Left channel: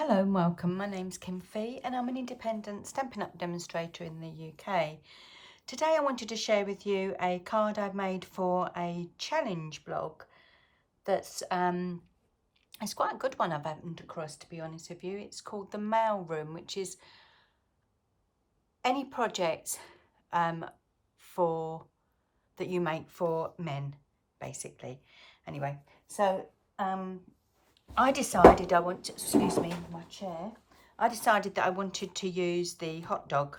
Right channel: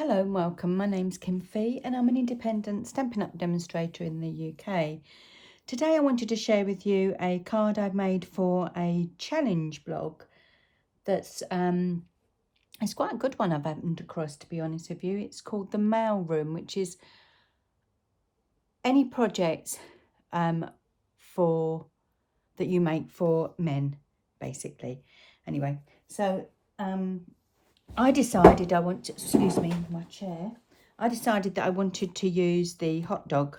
Hello and welcome. My name's Kim Fee and I'm an independent Stampin' Up demonstrator in the UK. Today I wanted to share with you a card I've made for a challenge blog that's it's quite a good one I've happened across, to be honest with you. It's called the Mail Room, which is any projects for that you make for men, basically. Anyway, so I decided excuse me, my chair. I decided that I wanted to use the hot dog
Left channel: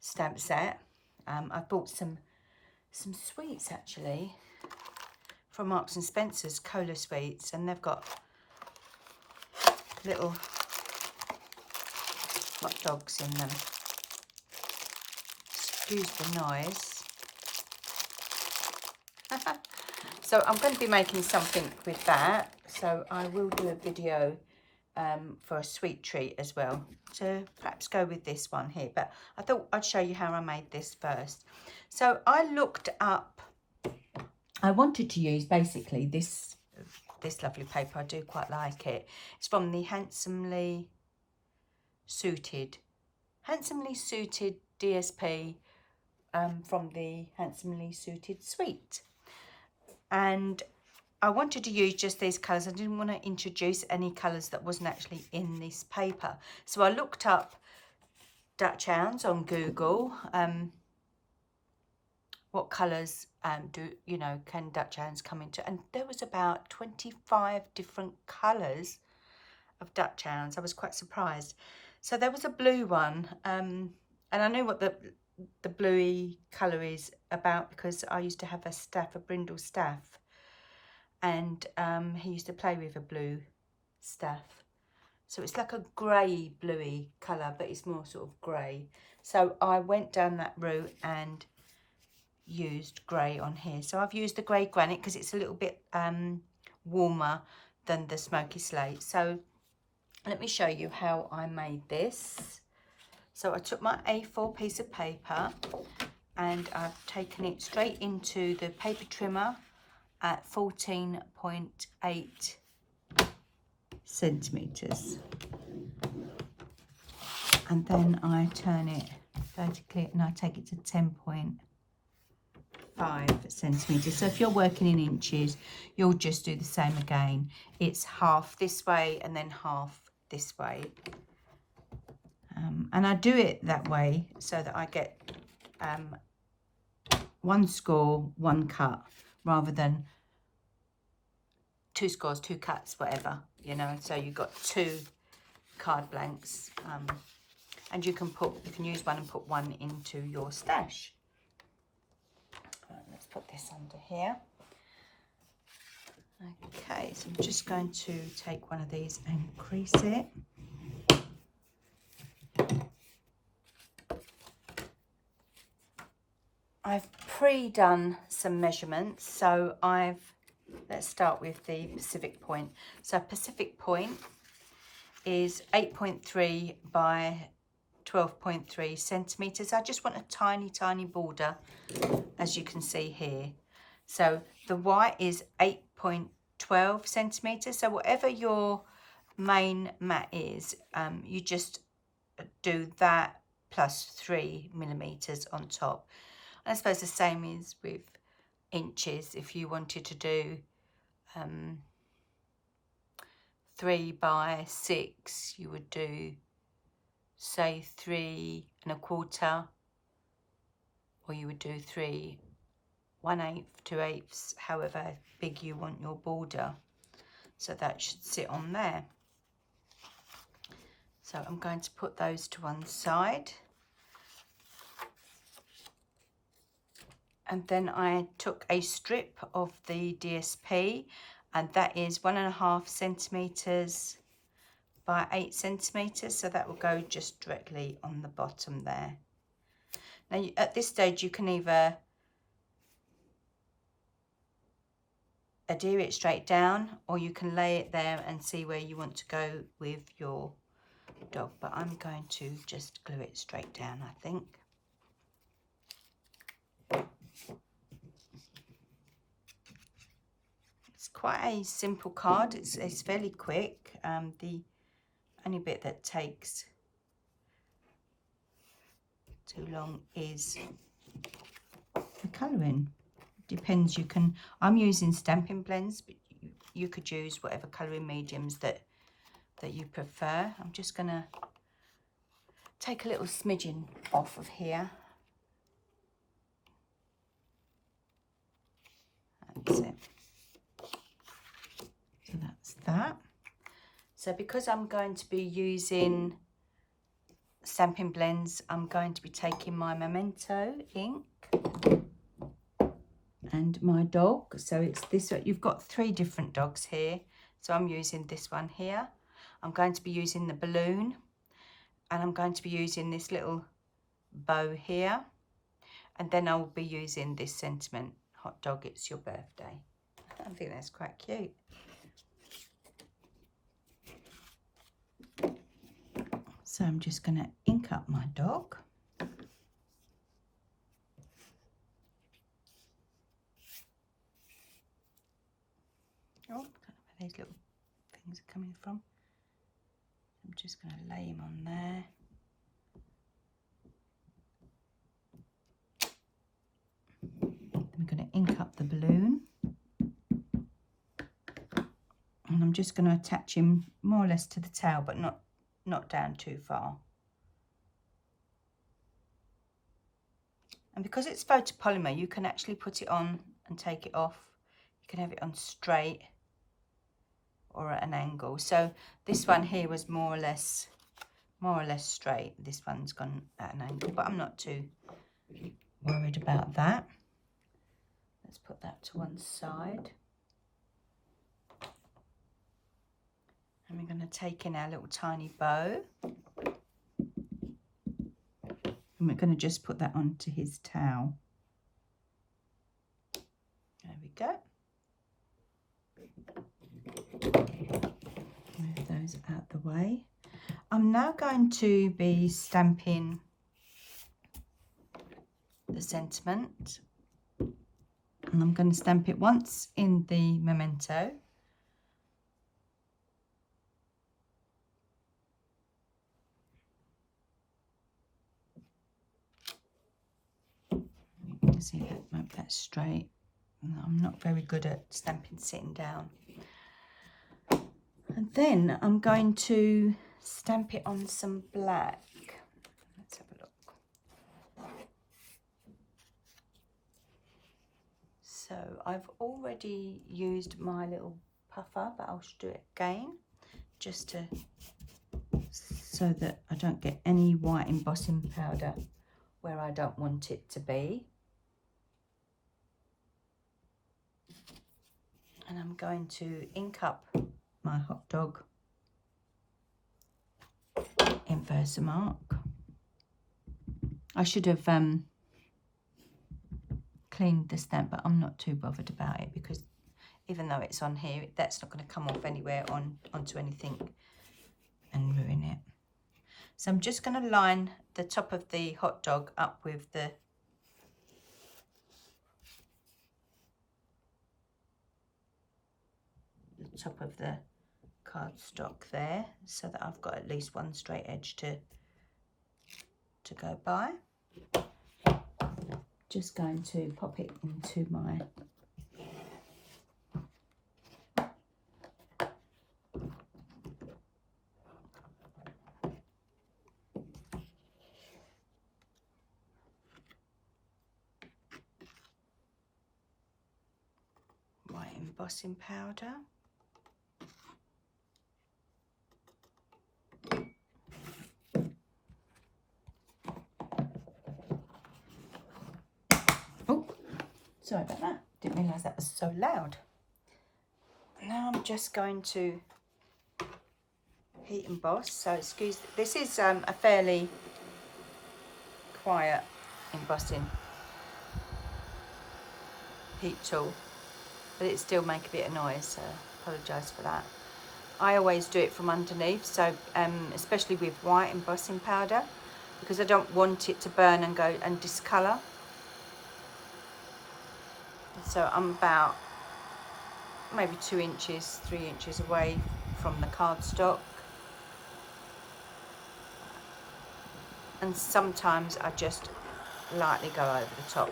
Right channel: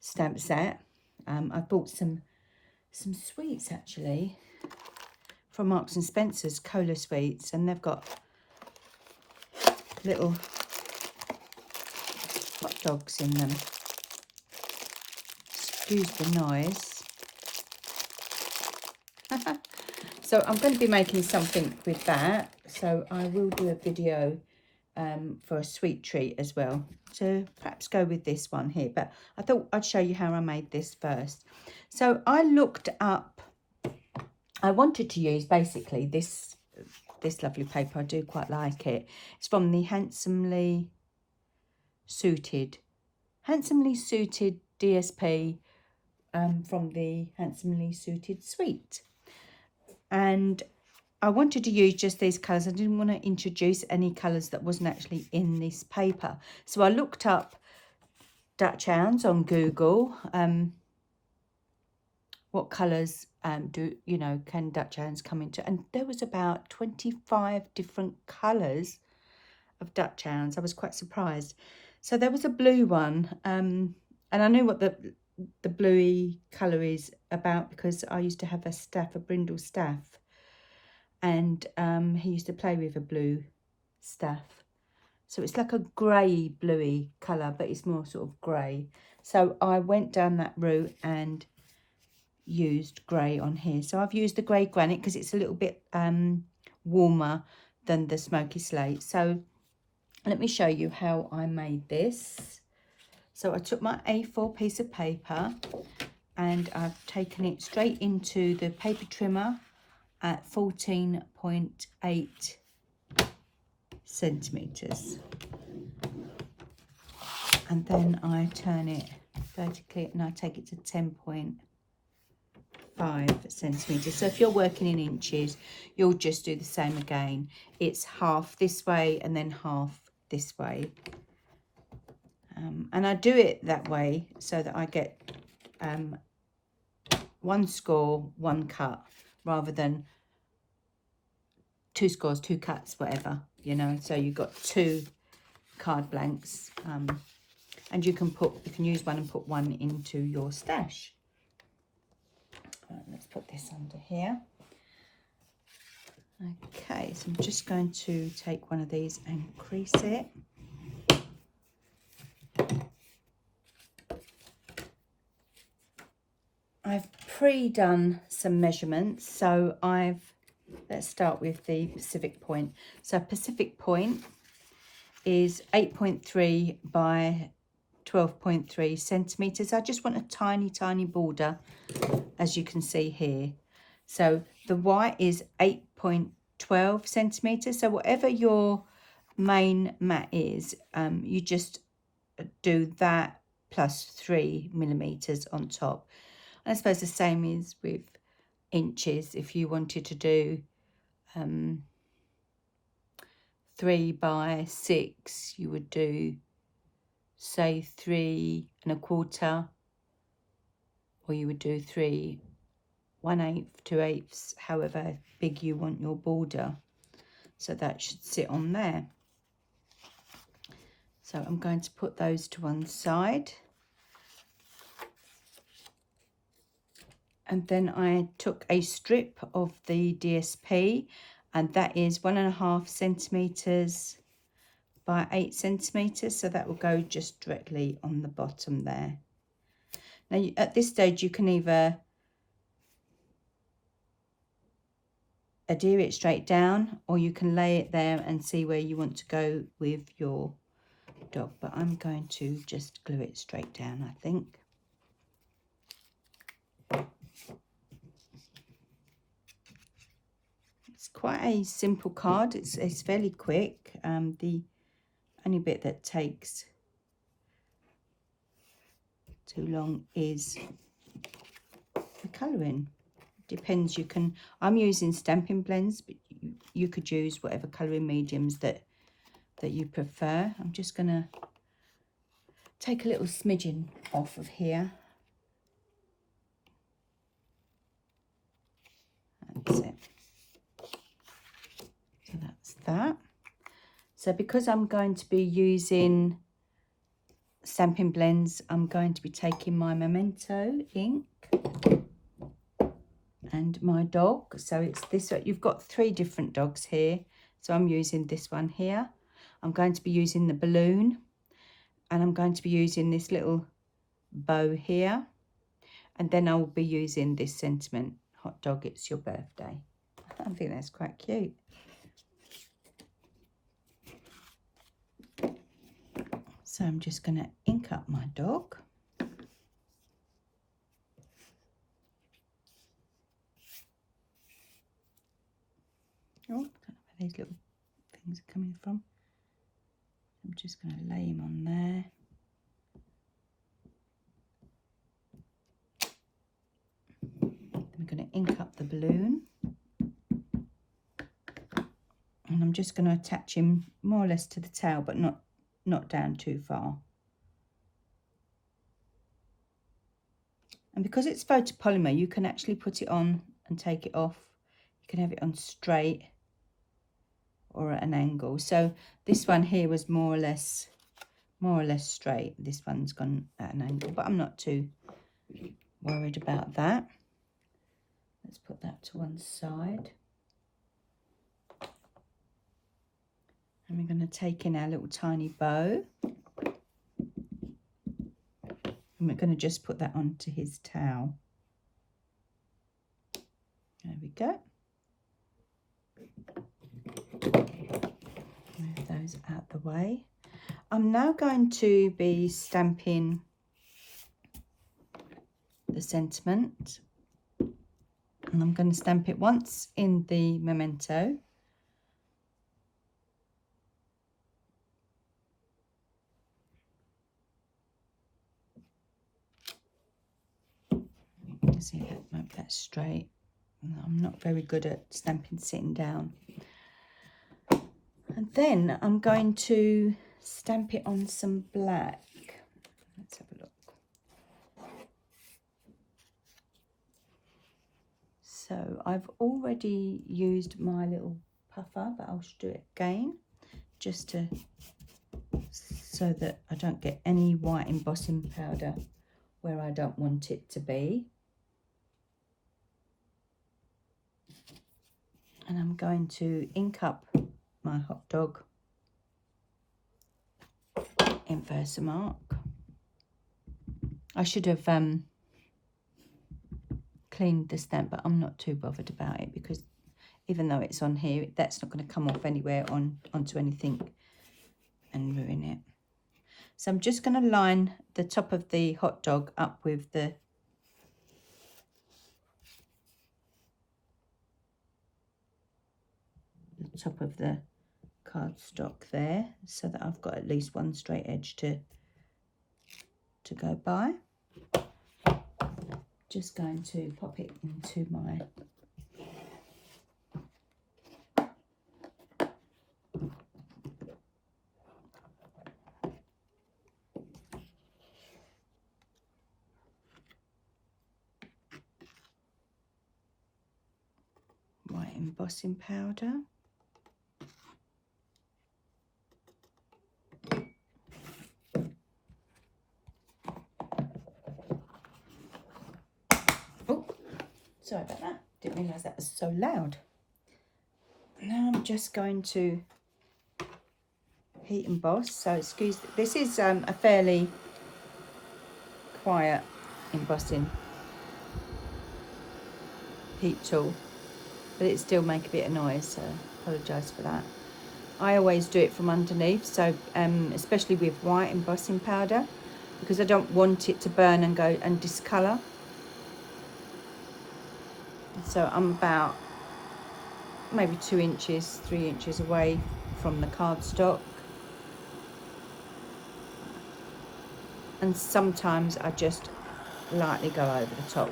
stamp set. I bought some sweets actually from Marks and Spencer's, cola sweets, and they've got little hot dogs in them. Excuse the noise. So I'm going to be making something with that. So I will do a video for a sweet treat as well, to perhaps go with this one here, but I thought I'd show you how I made this first. So I looked up, I wanted to use basically this lovely paper. I do quite like it. It's from the Handsomely Suited DSP from the Handsomely Suited suite, and I wanted to use just these colours. I didn't want to introduce any colours that wasn't actually in this paper. So I looked up Dutch hounds on Google. What colours can Dutch hounds come into? And there was about 25 different colours of Dutch hounds. I was quite surprised. So there was a blue one, and I knew what the bluey colour is about because I used to have a brindle staff. And he used to play with a blue staff. So it's like a grey bluey colour, but it's more sort of grey. So I went down that route and used grey on here. So I've used the grey granite because it's a little bit warmer than the smoky slate. So let me show you how I made this. So I took my A4 piece of paper and I've taken it straight into the paper trimmer at 14.8 centimeters, and then I turn it vertically and I take it to 10.5 centimeters. So if you're working in inches, you'll just do the same again. It's half this way and then half this way, and I do it that way so that I get one score, one cut, rather than two scores, two cuts, whatever, you know. So you've got two card blanks, and you can use one and put one into your stash. Right, let's put this under here. Okay, so I'm just going to take one of these and crease it. I've pre-done some measurements, so let's start with the Pacific point. So Pacific point is 8.3 by 12.3 centimeters. I just want a tiny border, as you can see here. So the white is 8.12 centimeters. So whatever your main mat is, you just do that plus 3 millimeters on top. And I suppose the same is with inches. If you wanted to do 3 by 6, you would do, say, 3 1/4, or you would do 3 1/8, 2/8, however big you want your border. So that should sit on there. So I'm going to put those to one side. And then I took a strip of the DSP, and that is 1.5 centimeters by 8 centimeters. So that will go just directly on the bottom there. Now at this stage you can either adhere it straight down, or you can lay it there and see where you want to go with your dog, but I'm going to just glue it straight down, I think. It's quite a simple card. It's fairly quick. The only bit that takes too long is the colouring. Depends. I'm using Stampin' blends, but you could use whatever colouring mediums that you prefer. I'm just gonna take a little smidgen off of here. That's it. So that's that. So because I'm going to be using Stampin' blends, I'm going to be taking my Memento ink and my dog. So it's this. You've got 3 different dogs here. So I'm using this one here. I'm going to be using the balloon, and I'm going to be using this little bow here, and then I'll be using this sentiment, hot dog, it's your birthday. I think that's quite cute. So I'm just going to ink up my dog. Oh, I don't know where these little things are coming from. I'm just going to lay him on there. Then we're going to ink up the balloon. And I'm just going to attach him more or less to the tail, but not down too far. And because it's photopolymer, you can actually put it on and take it off. You can have it on straight or at an angle. So this one here was more or less straight. This one's gone at an angle, but I'm not too worried about that. Let's put that to one side. And we're going to take in our little tiny bow. And we're going to just put that onto his towel. There we go. Move those out the way. I'm now going to be stamping the sentiment. And I'm going to stamp it once in the Memento. You can see that's straight. I'm not very good at stamping sitting down. And then I'm going to stamp it on some black. Let's have a look. So I've already used my little puffer, but I'll do it again just so that I don't get any white embossing powder where I don't want it to be. And I'm going to ink up my hot dog in Versamark. I should have cleaned the stamp, but I'm not too bothered about it because even though it's on here, that's not going to come off anywhere onto anything and ruin it. So I'm just going to line the top of the hot dog up with the top of the cardstock there, so that I've got at least one straight edge to go by. Just going to pop it into my white embossing powder. Oh, sorry about that. Didn't realise that was so loud. Now I'm just going to heat emboss. So excuse, this is a fairly quiet embossing heat tool, but it still make a bit of noise, so apologise for that. I always do it from underneath, so especially with white embossing powder, because I don't want it to burn and go and discolour. So I'm about maybe 2 inches, 3 inches away from the cardstock. And sometimes I just lightly go over the top,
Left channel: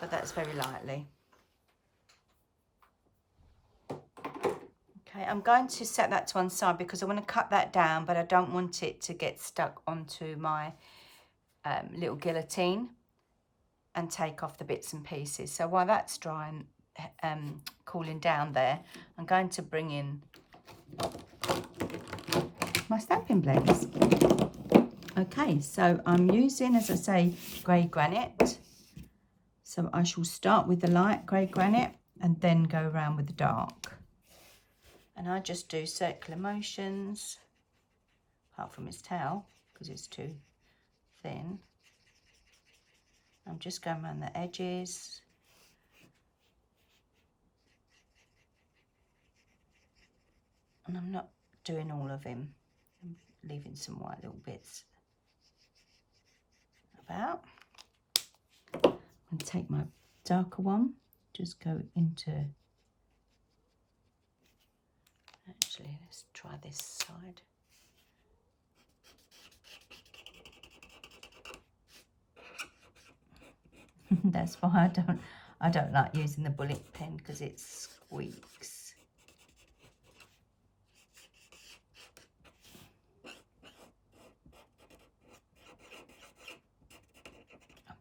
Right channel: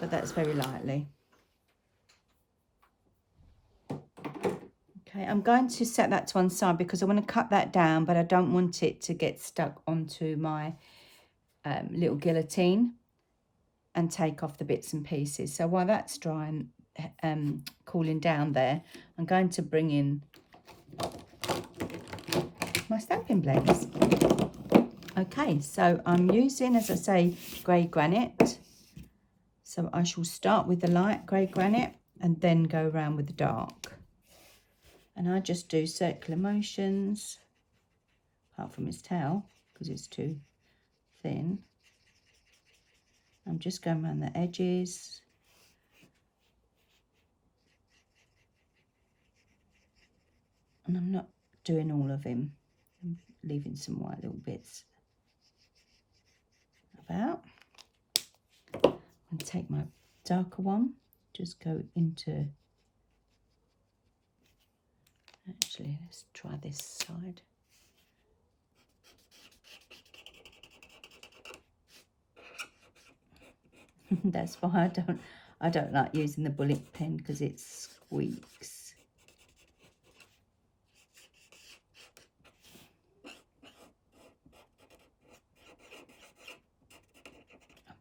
but that's very lightly. Okay, I'm going to set that to one side because I want to cut that down, but I don't want it to get stuck onto my little guillotine and take off the bits and pieces. So while that's drying, cooling down there, I'm going to bring in my stamping blends. Okay, so I'm using, as I say, grey granite. So I shall start with the light grey granite and then go around with the dark. And I just do circular motions, apart from his tail, because it's too thin. I'm just going around the edges. And I'm not doing all of him. I'm leaving some white little bits about. I'm going to take my darker one, just go into, actually let's try this side. That's why I don't like using the bullet pen, because it squeaks.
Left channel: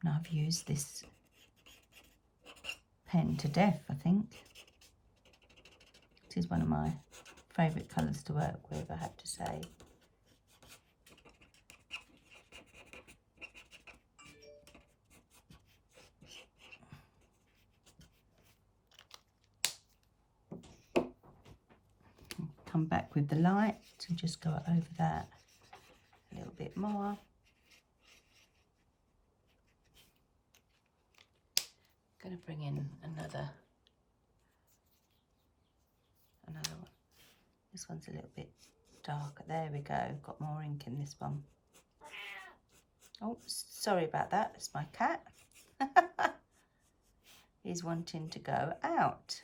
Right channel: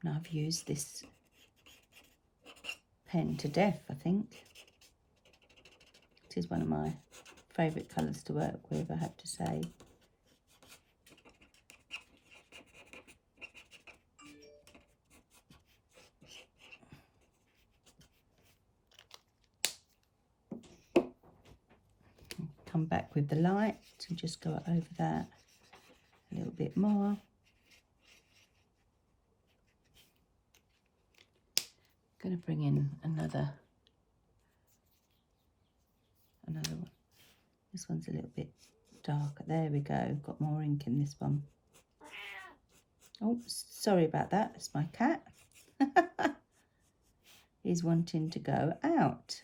Now I've used this pen to death, I think. It is one of my favourite colours to work with, I have to say. Come back with the light and just go over that a little bit more. I'm going to bring in another one. This one's a little bit darker. There we go. Got more ink in this one. Oh, sorry about that. It's my cat. He's wanting to go out.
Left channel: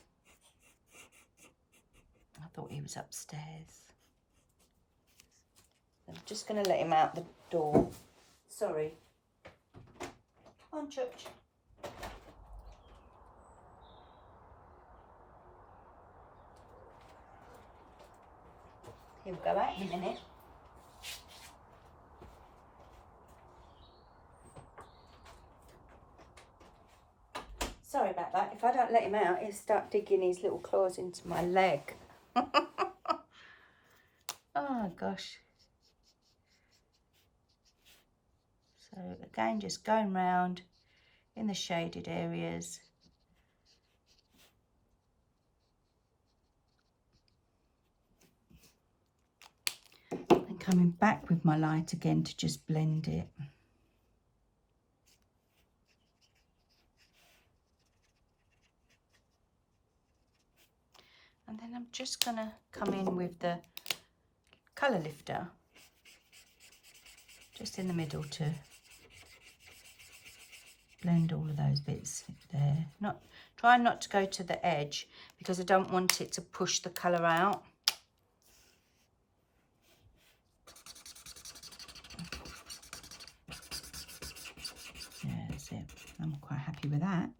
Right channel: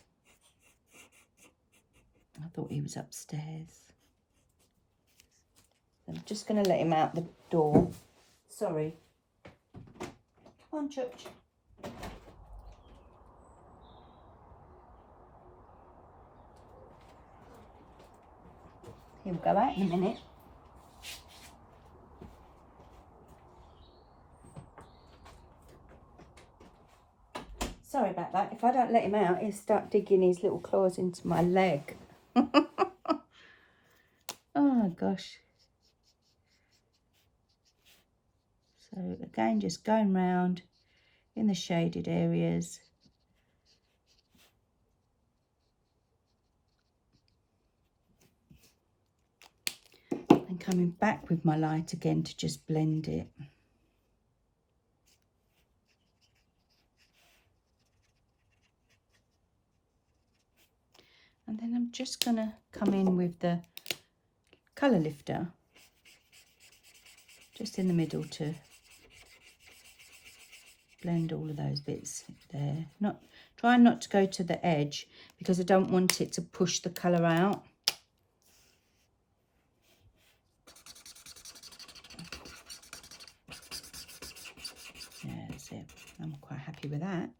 I thought he was upstairs. I'm just going to let him out the door. Sorry. Come on, Church. He'll go out in a minute. Sorry about that. If I don't let him out, he'll start digging his little claws into my leg. Oh, gosh. So, again, just going round in the shaded areas. And coming back with my light again to just blend it. And then I'm just going to come in with the colour lifter just in the middle to blend all of those bits there. Try not to go to the edge because I don't want it to push the colour out. Yeah, that's it. I'm quite happy with that.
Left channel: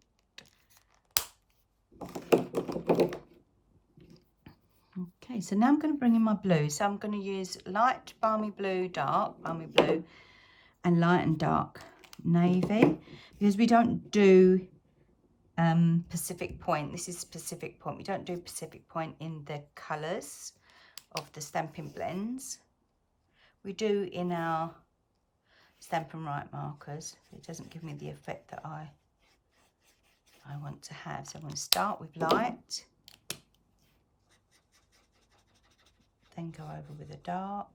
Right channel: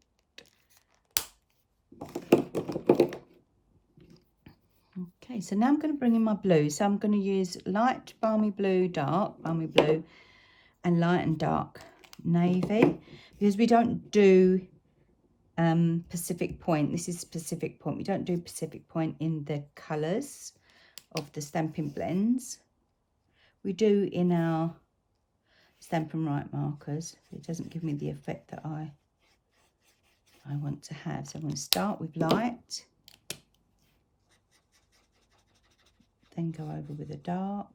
Okay, so now I'm going to bring in my blue. So I'm going to use light balmy blue, dark balmy blue, and light and dark navy, because we don't do Pacific Point. This is Pacific Point. We don't do Pacific Point in the colours of the Stampin' Blends. We do in our Stampin' Right markers. It doesn't give me the effect that I want to have. So I'm going to start with light, then go over with a dark,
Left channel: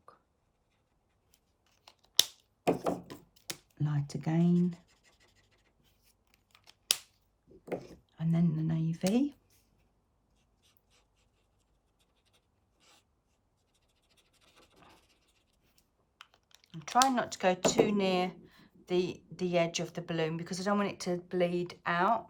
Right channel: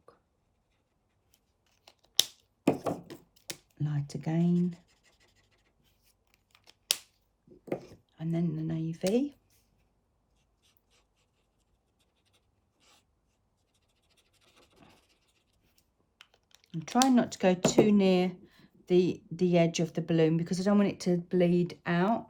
light again, and then the navy. I'm trying not to go too near the edge of the balloon because I don't want it to bleed out.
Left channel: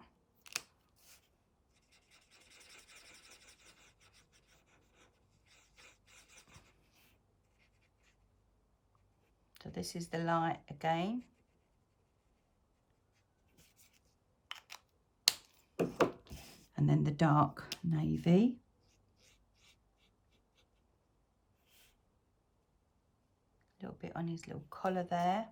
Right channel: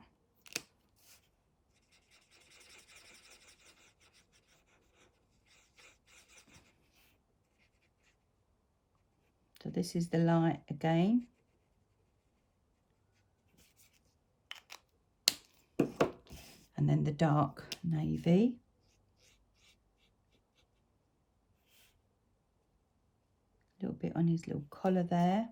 So this is the light again. And then the dark navy. A little bit on his little collar there.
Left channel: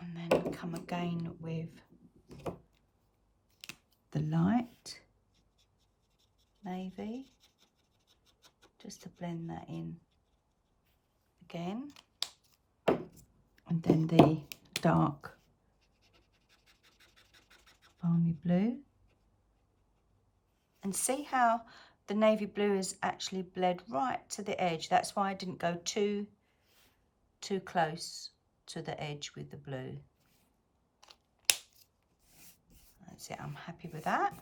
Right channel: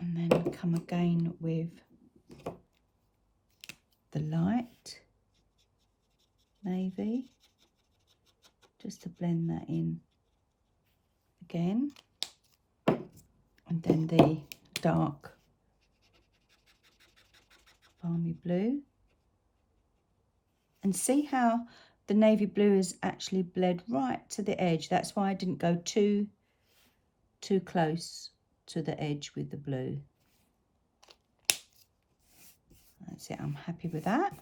And then come again with the light navy, just to blend that in again. And then the dark balmy blue. And see how the navy blue is actually bled right to the edge. That's why I didn't go too close to the edge with the blue. That's it, I'm happy with that.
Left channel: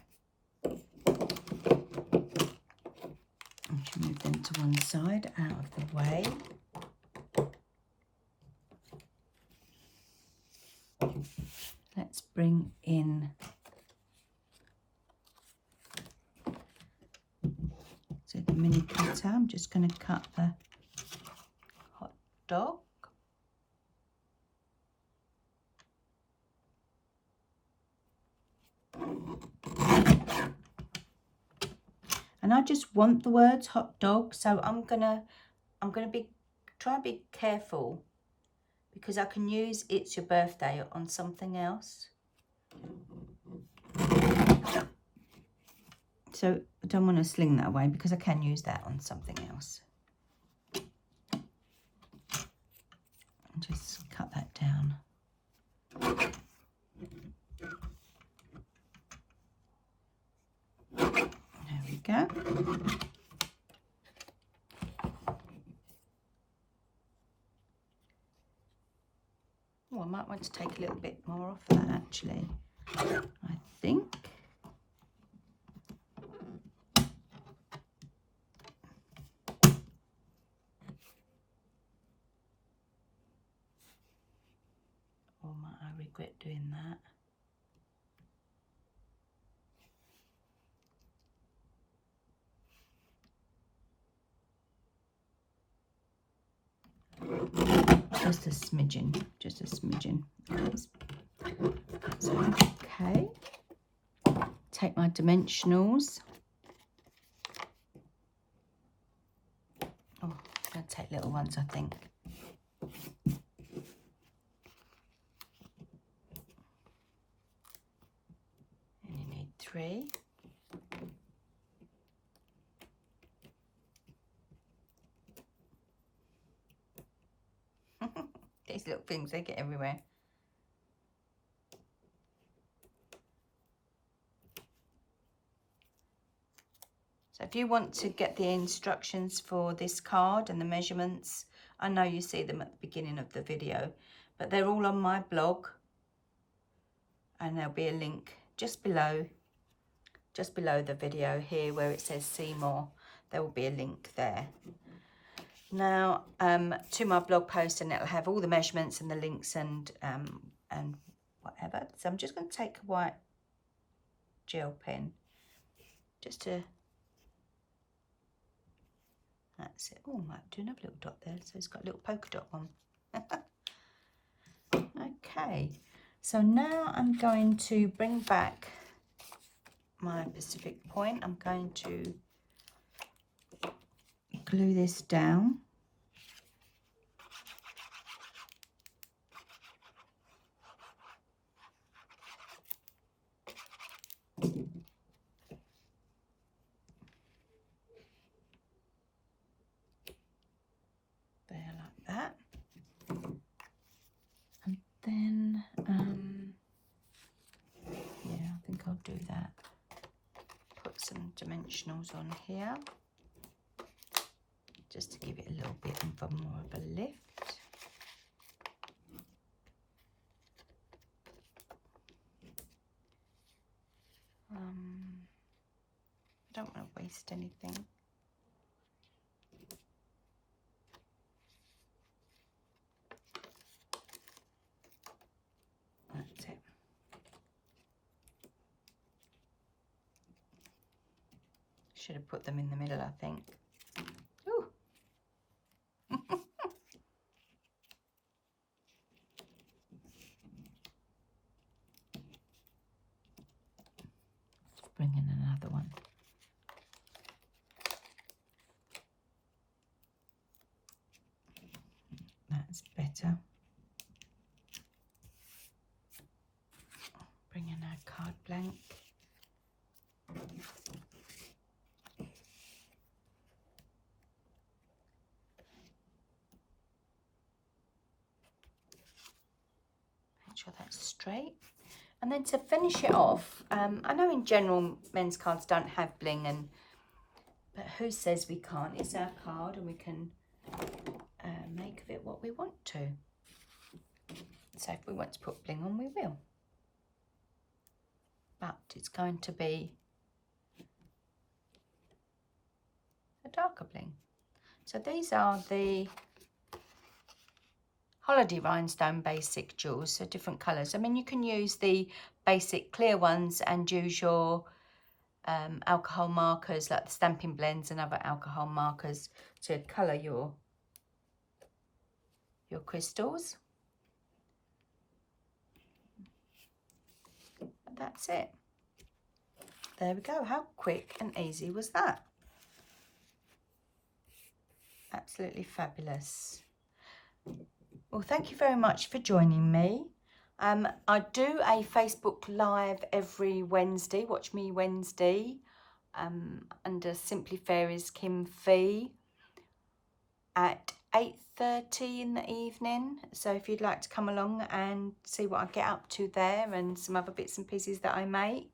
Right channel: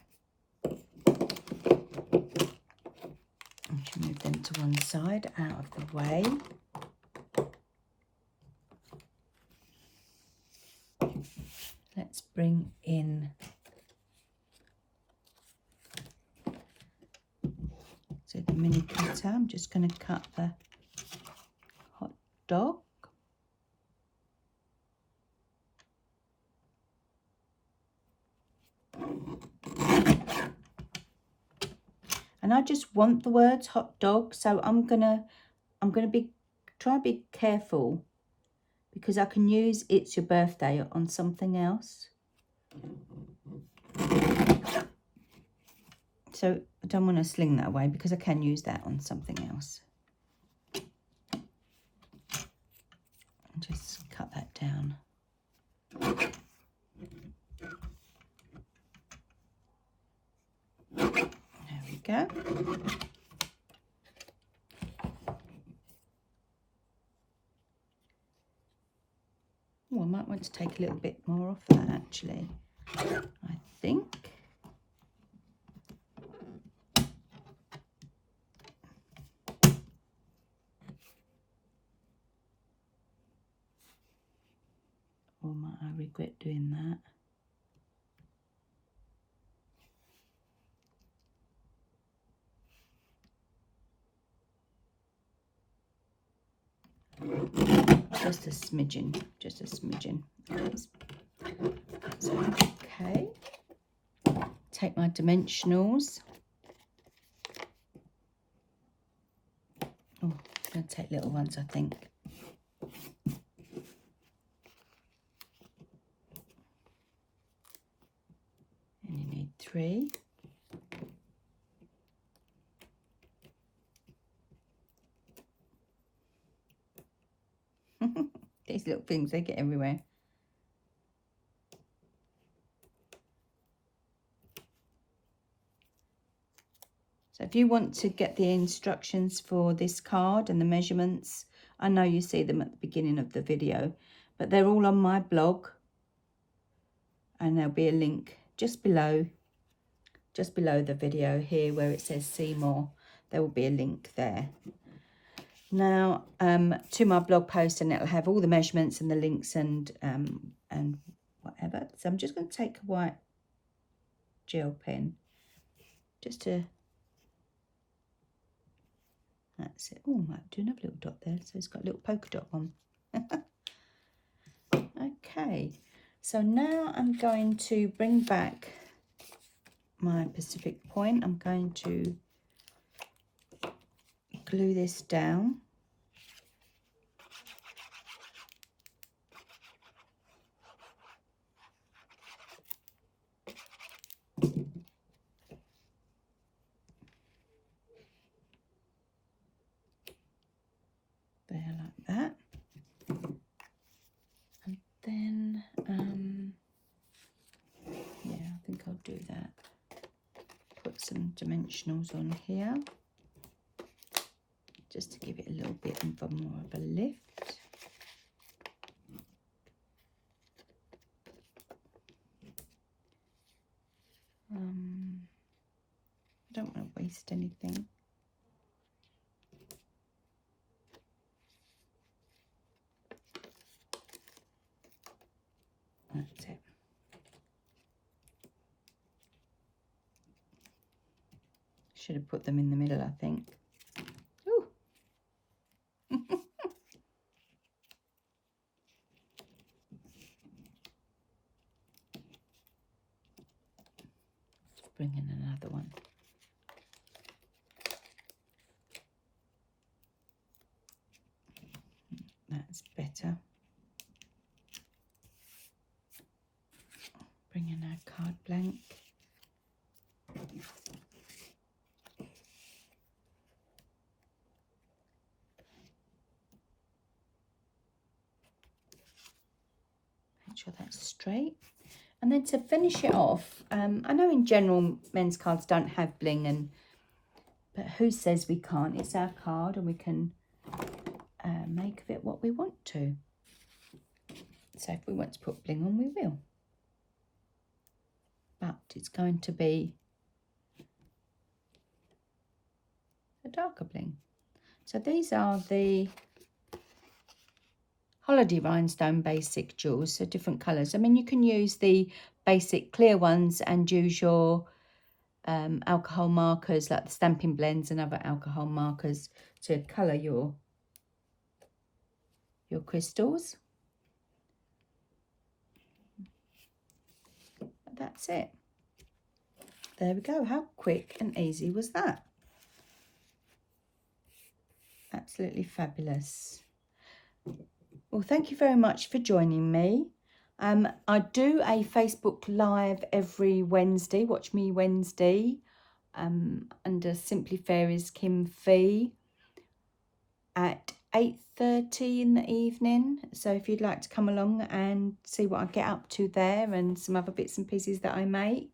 I should move them to one side, out of the way. Let's bring in, so the mini cutter, I'm just going to cut the hot dog. And I just want the words hot dog, so I'm gonna try to be careful, because I can use it's your birthday on something else. So I don't want to sling that away, because I can use that on something else. And just cut that down. There we go. Oh, I might want to take a little bit more off that actually, I think. Or might I regret doing that? Just a smidgen, just a smidgen. So, okay. Take my dimensionals. Oh, I'm going to take little ones, I think. And you need 3. These little things, they get everywhere. So if you want to get the instructions for this card and the measurements, I know you see them at the beginning of the video, but they're all on my blog, and there'll be a link just below the video here where it says see more. There will be a link there. Now to my blog post, and it'll have all the measurements and the links and whatever. So I'm just going to take a white gel pen just to, that's it. Oh, I might do another little dot there, so it's got a little polka dot one. Okay, so now I'm going to bring back my Pacific point. I'm going to glue this down. There, like that. And then, yeah, I think I'll do that. Put some dimensionals on here, just to give it a little bit of more of a lift. I don't want to waste anything. That's it. Should have put them in the middle, I think. bring in another one. That's better. Bring in our card blank. Make sure that's straight. And then to finish it off, I know in general men's cards don't have bling, but who says we can't? It's our card and we can make of it what we want to. So if we want to put bling on, we will. But it's going to be a darker bling. So these are the Holiday Rhinestone Basic Jewels, so different colours. I mean, you can use the basic clear ones and use your alcohol markers like the Stampin' Blends and other alcohol markers to colour your crystals. But that's it. There we go. How quick and easy was that? Absolutely fabulous. Well, thank you very much for joining me. I do a Facebook Live every Wednesday. Watch me Wednesday under Simply Fairies Kim Fee at 8:30 in the evening. So if you'd like to come along and see what I get up to there and some other bits and pieces that I make,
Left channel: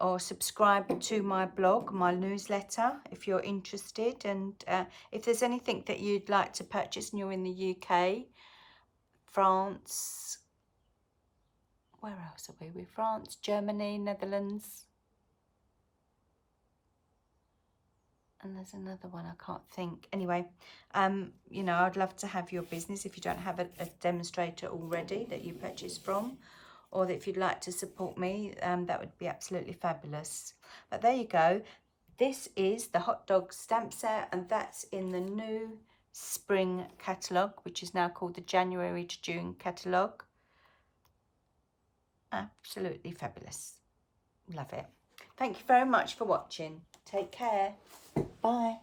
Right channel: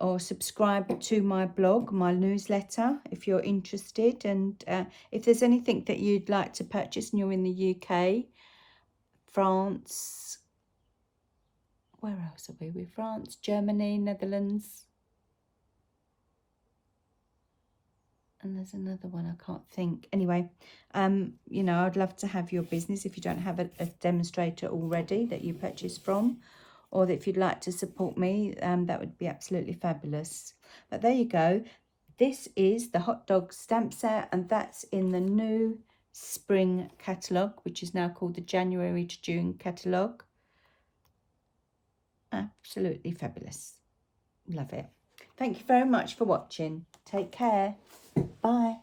or subscribe to my blog, my newsletter, if you're interested. And if there's anything that you'd like to purchase and you're in the UK, France, where else are we? France, Germany, Netherlands, and there's another one I can't think. Anyway, you know, I'd love to have your business if you don't have a demonstrator already that you purchase from, or that if you'd like to support me, that would be absolutely fabulous. But there you go. This is the hot dog stamp set, and that's in the new spring catalogue, which is now called the January to June catalogue. Absolutely fabulous. Love it. Thank you very much for watching. Take care. Bye.